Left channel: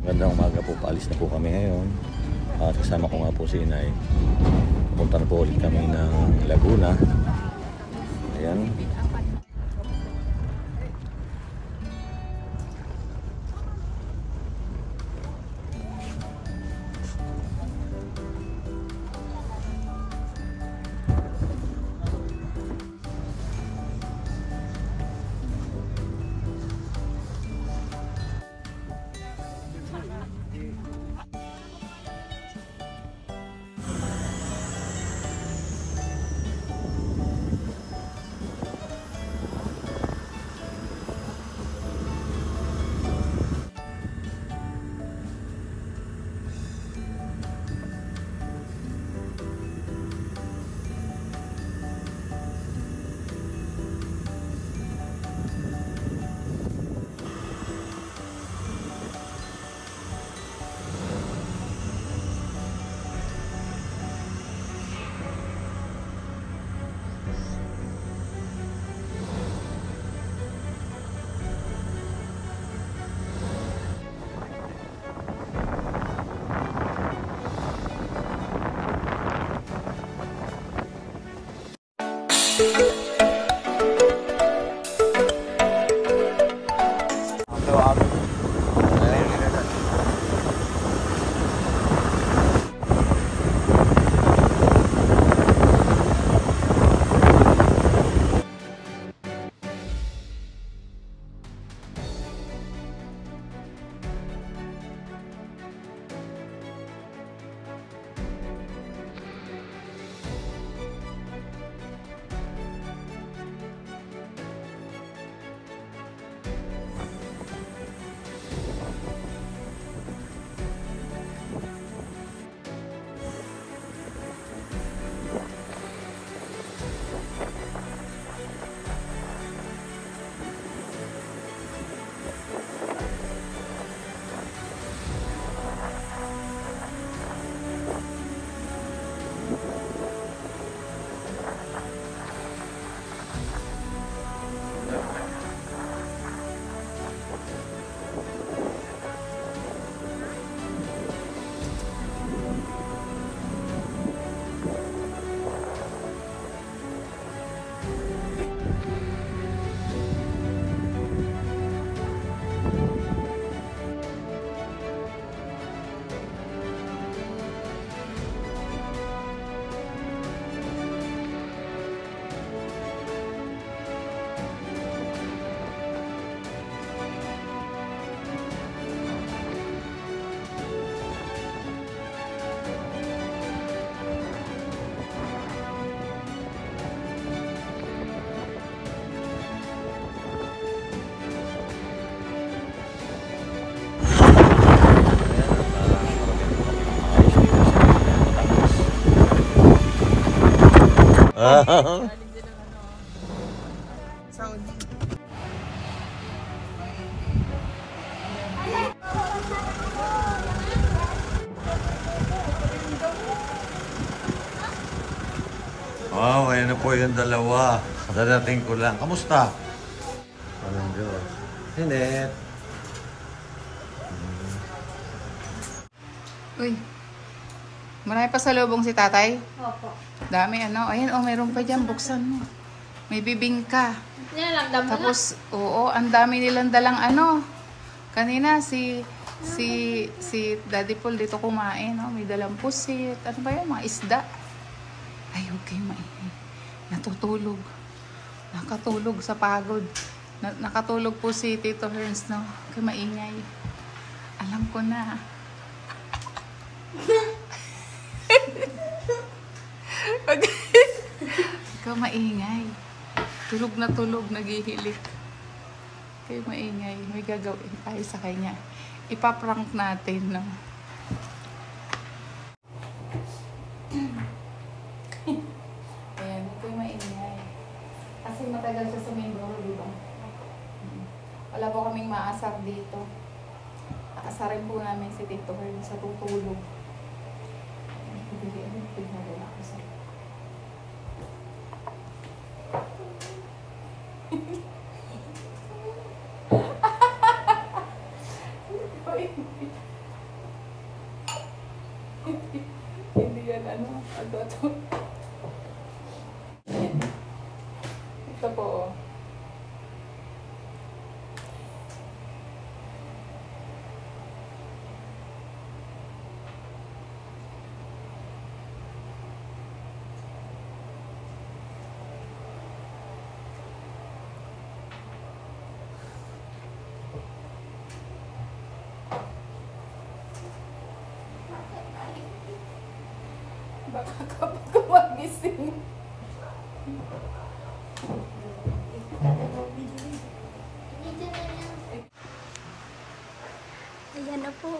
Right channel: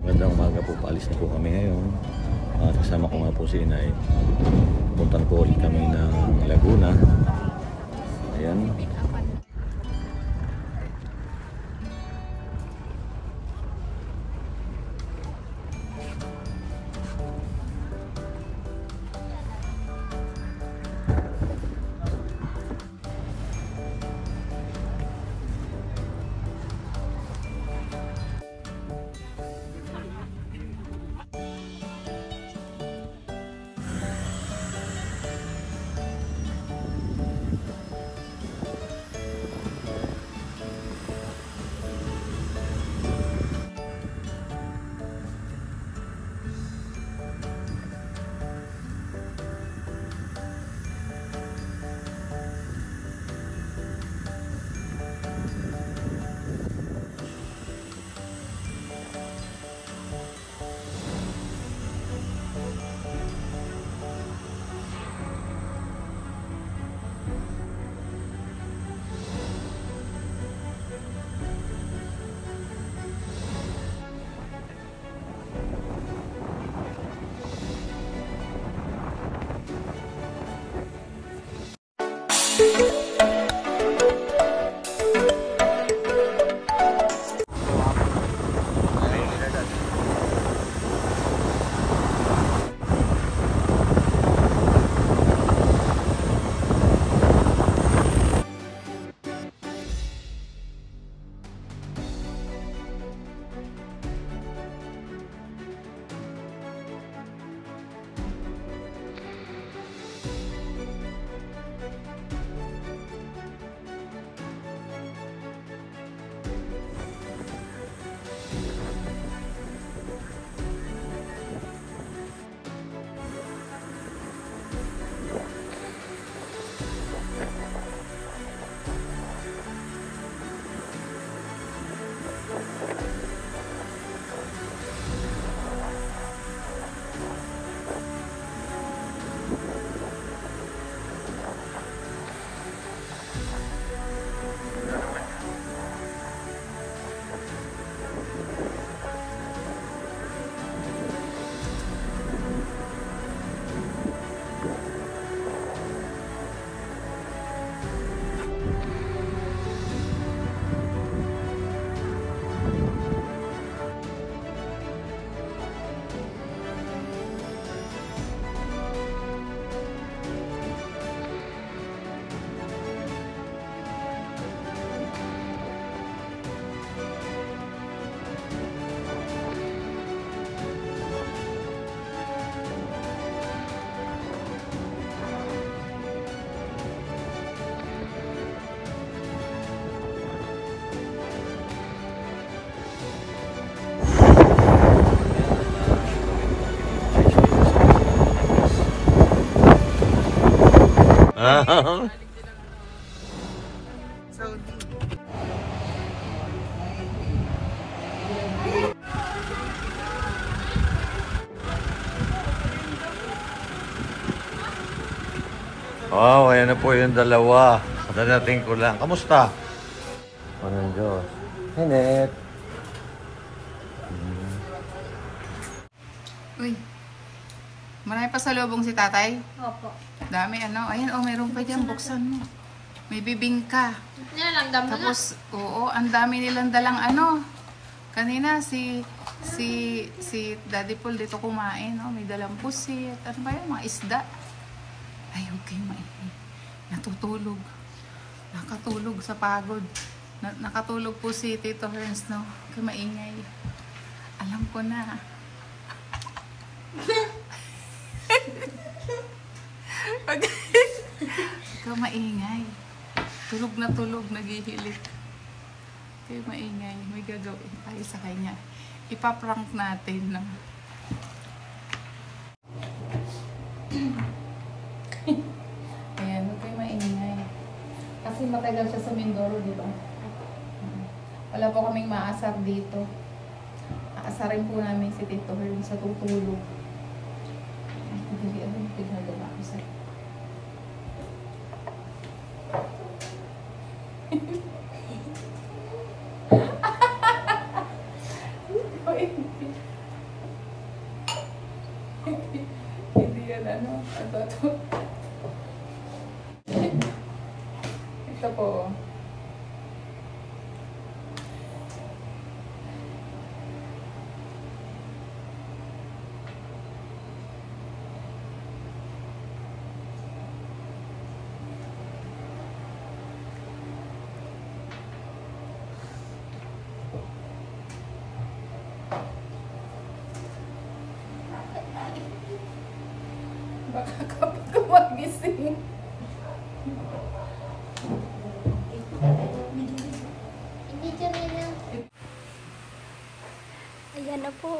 Magandang umaga po, paalis na po kami ngayon. At kasama ko nga po si Inay. Pupunta na po ulit kami ng Laguna. Ayan. Wow, ayan na po yung dalawa. Dadating ko lang. Kamusta? Anong Diyos? Hanet. Uy, marami pa sa lubong si tatay? Opo. Dami ano. Ayan, oh, mayroon pa dyan. Buksan mo. May bibingka. Yan lang, dami Tapos, oo, ang dami nilang dalang ano. Kanina, si Daddy Paul dito kumain. Oh, may dalang pusit. Ano ba yan? Mga isda. Ay, okay, maingay. Natutulog. Nakatulog sa pagod. Nakatulog po si Tito Herns, no? Kaya maingay. Alam ko na. Ikaw maingay. Tulog na tulog, naghihilik. Kaya maingay. May gagawin tayo sa kanya. Ipaprank natin, no? Ayan, okay, maingay. Kasi matagal siya sa Mindoro, di ba? Wala po kaming maasar dito. Aasarin po namin si Tito Herns sa tutulog. Hindi, ano yung pinagawa ko sa'yo? ano, adoto. Ito po, oh. Baka kapag magising. Ayan na po.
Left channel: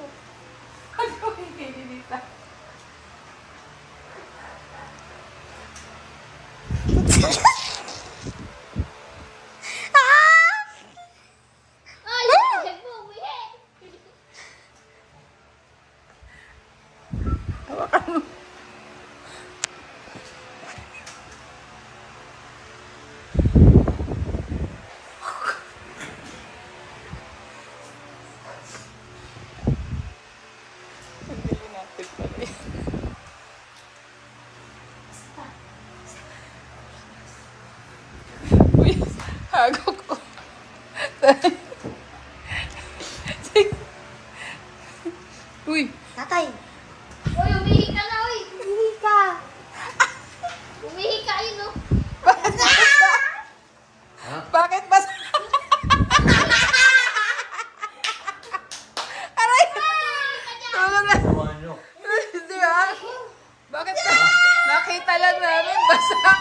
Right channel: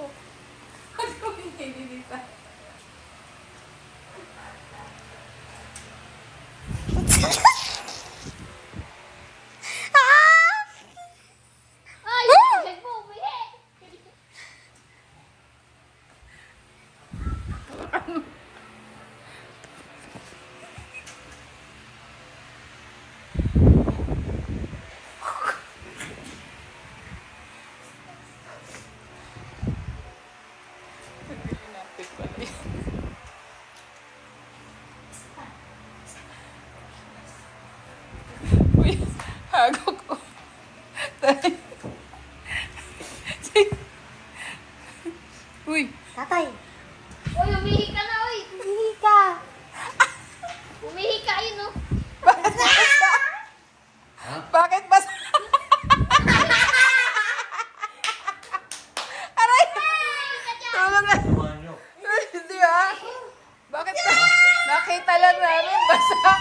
Ano hindi nilita? Uy, hago ko. Uy, Tatay! Uy, umihi ka na, uy! Umihi ka! Umihi ka, yun, no? bakit basa? Bakit basa? Aray! Tulog na. Di ba? Bakit na? Nakita lang namin, basa ka.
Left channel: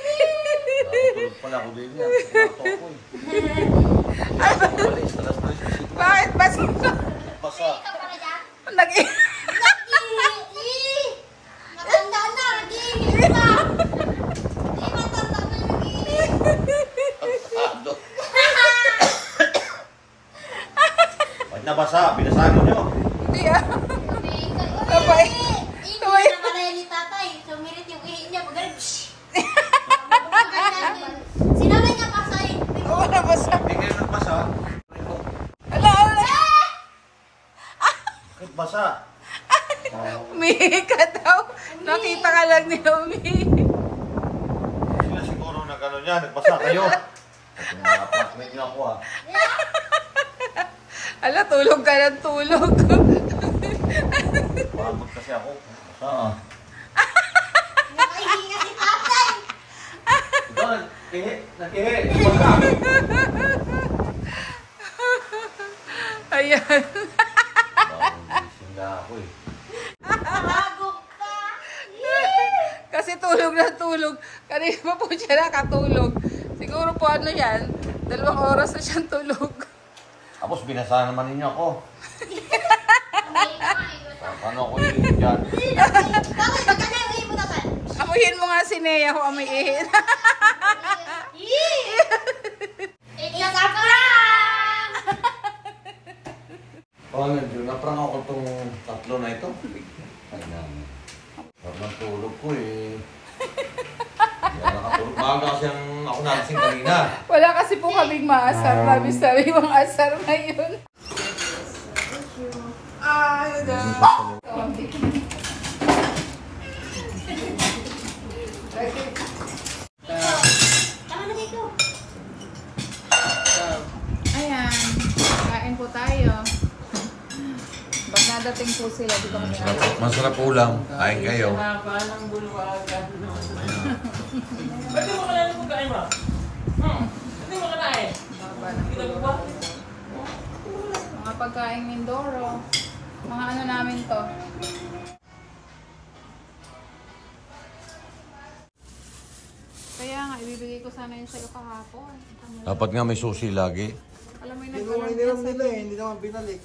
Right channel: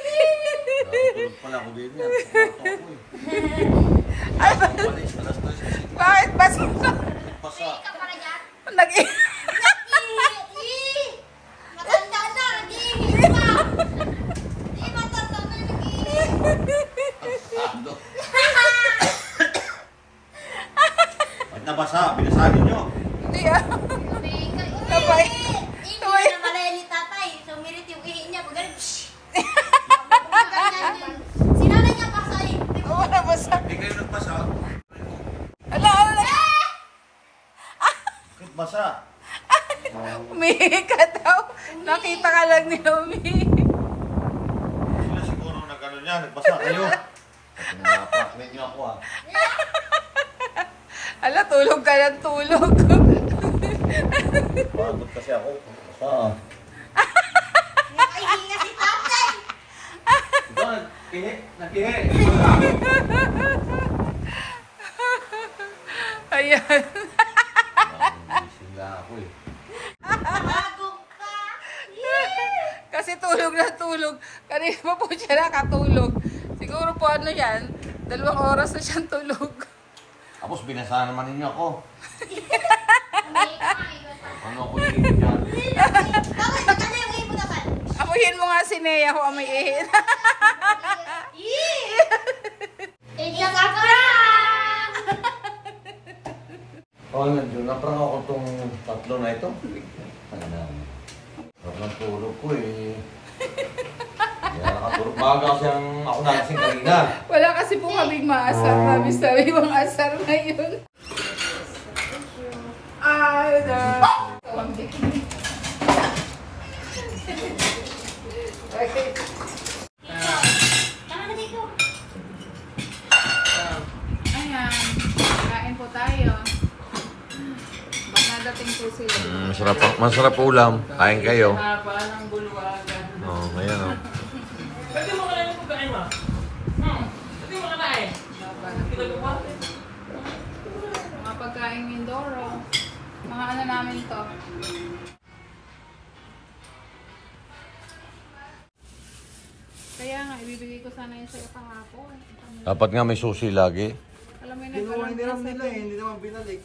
Tulog pala ako din yan. Ay, bakit basa ka? Basa. Nag- Matanda na, nag-iihi ka! Matanda na, nag-iihi! Ba't nabasa? Binasago nyo. Hindi ah. Umihi ka, uy! Sabay. Hindi Sabay. na nakalaya ni tatay. Sumirit yung ihi niya. Magaling. Sinabi ka pa sa'yo. Oo, nabasa. Hindi kayo nagbasa. Ala, ala. Bakit basa? Umihi ka daw. Nakita ka lang nila umihi. Sila siguro nag-ano niya, nagbasa kayo. At napaklain niyo ako ah. Ala, tulog ka ng tulog. Pagod kasi ako. Oo. Nakaihi nga si tatay. Diba, nagkihi. Ayan. Sila ako eh. Hagok ka. Kasi tulog na tulog. Kanina pa po siya nakatulog. Siguro po ano yan, 2 oras na siyang tulog. Tapos binasa naman ninyo ako. Umihi ka nga, ikaw. Ano ako yung dyan? Bakit? Ba't ka yung ihi mo, tatay? Amuhin mo nga si Nea kung amoy ihin. It's a prank! Oh, nandiyo na prank ako itong 3 na ito. Ay na. Huwag ng tulog ko eh. Hindi na nakatulog. Maaga kasi ang ako natin kanina. Wala kasi po kaming maasar. Sabi mga asar na yun. Tama na dito. Ayan. Kain po tayo. Ba't nadating po sila dito? Masarap ulam. Kain kayo. Haba ng bulwagan. Oh, ayan. Pwede mo ka na pagkain mo? Pwede mo ka na eh. Kita ko ba? Mga pagkain Mindoro. Mga ano namin to. Kaya nga, ibibigay ko sana yun sa'yo kahapon. Dapat nga may susi lagi. Alam mo yung Hindi naman nila eh. Hindi naman binalik.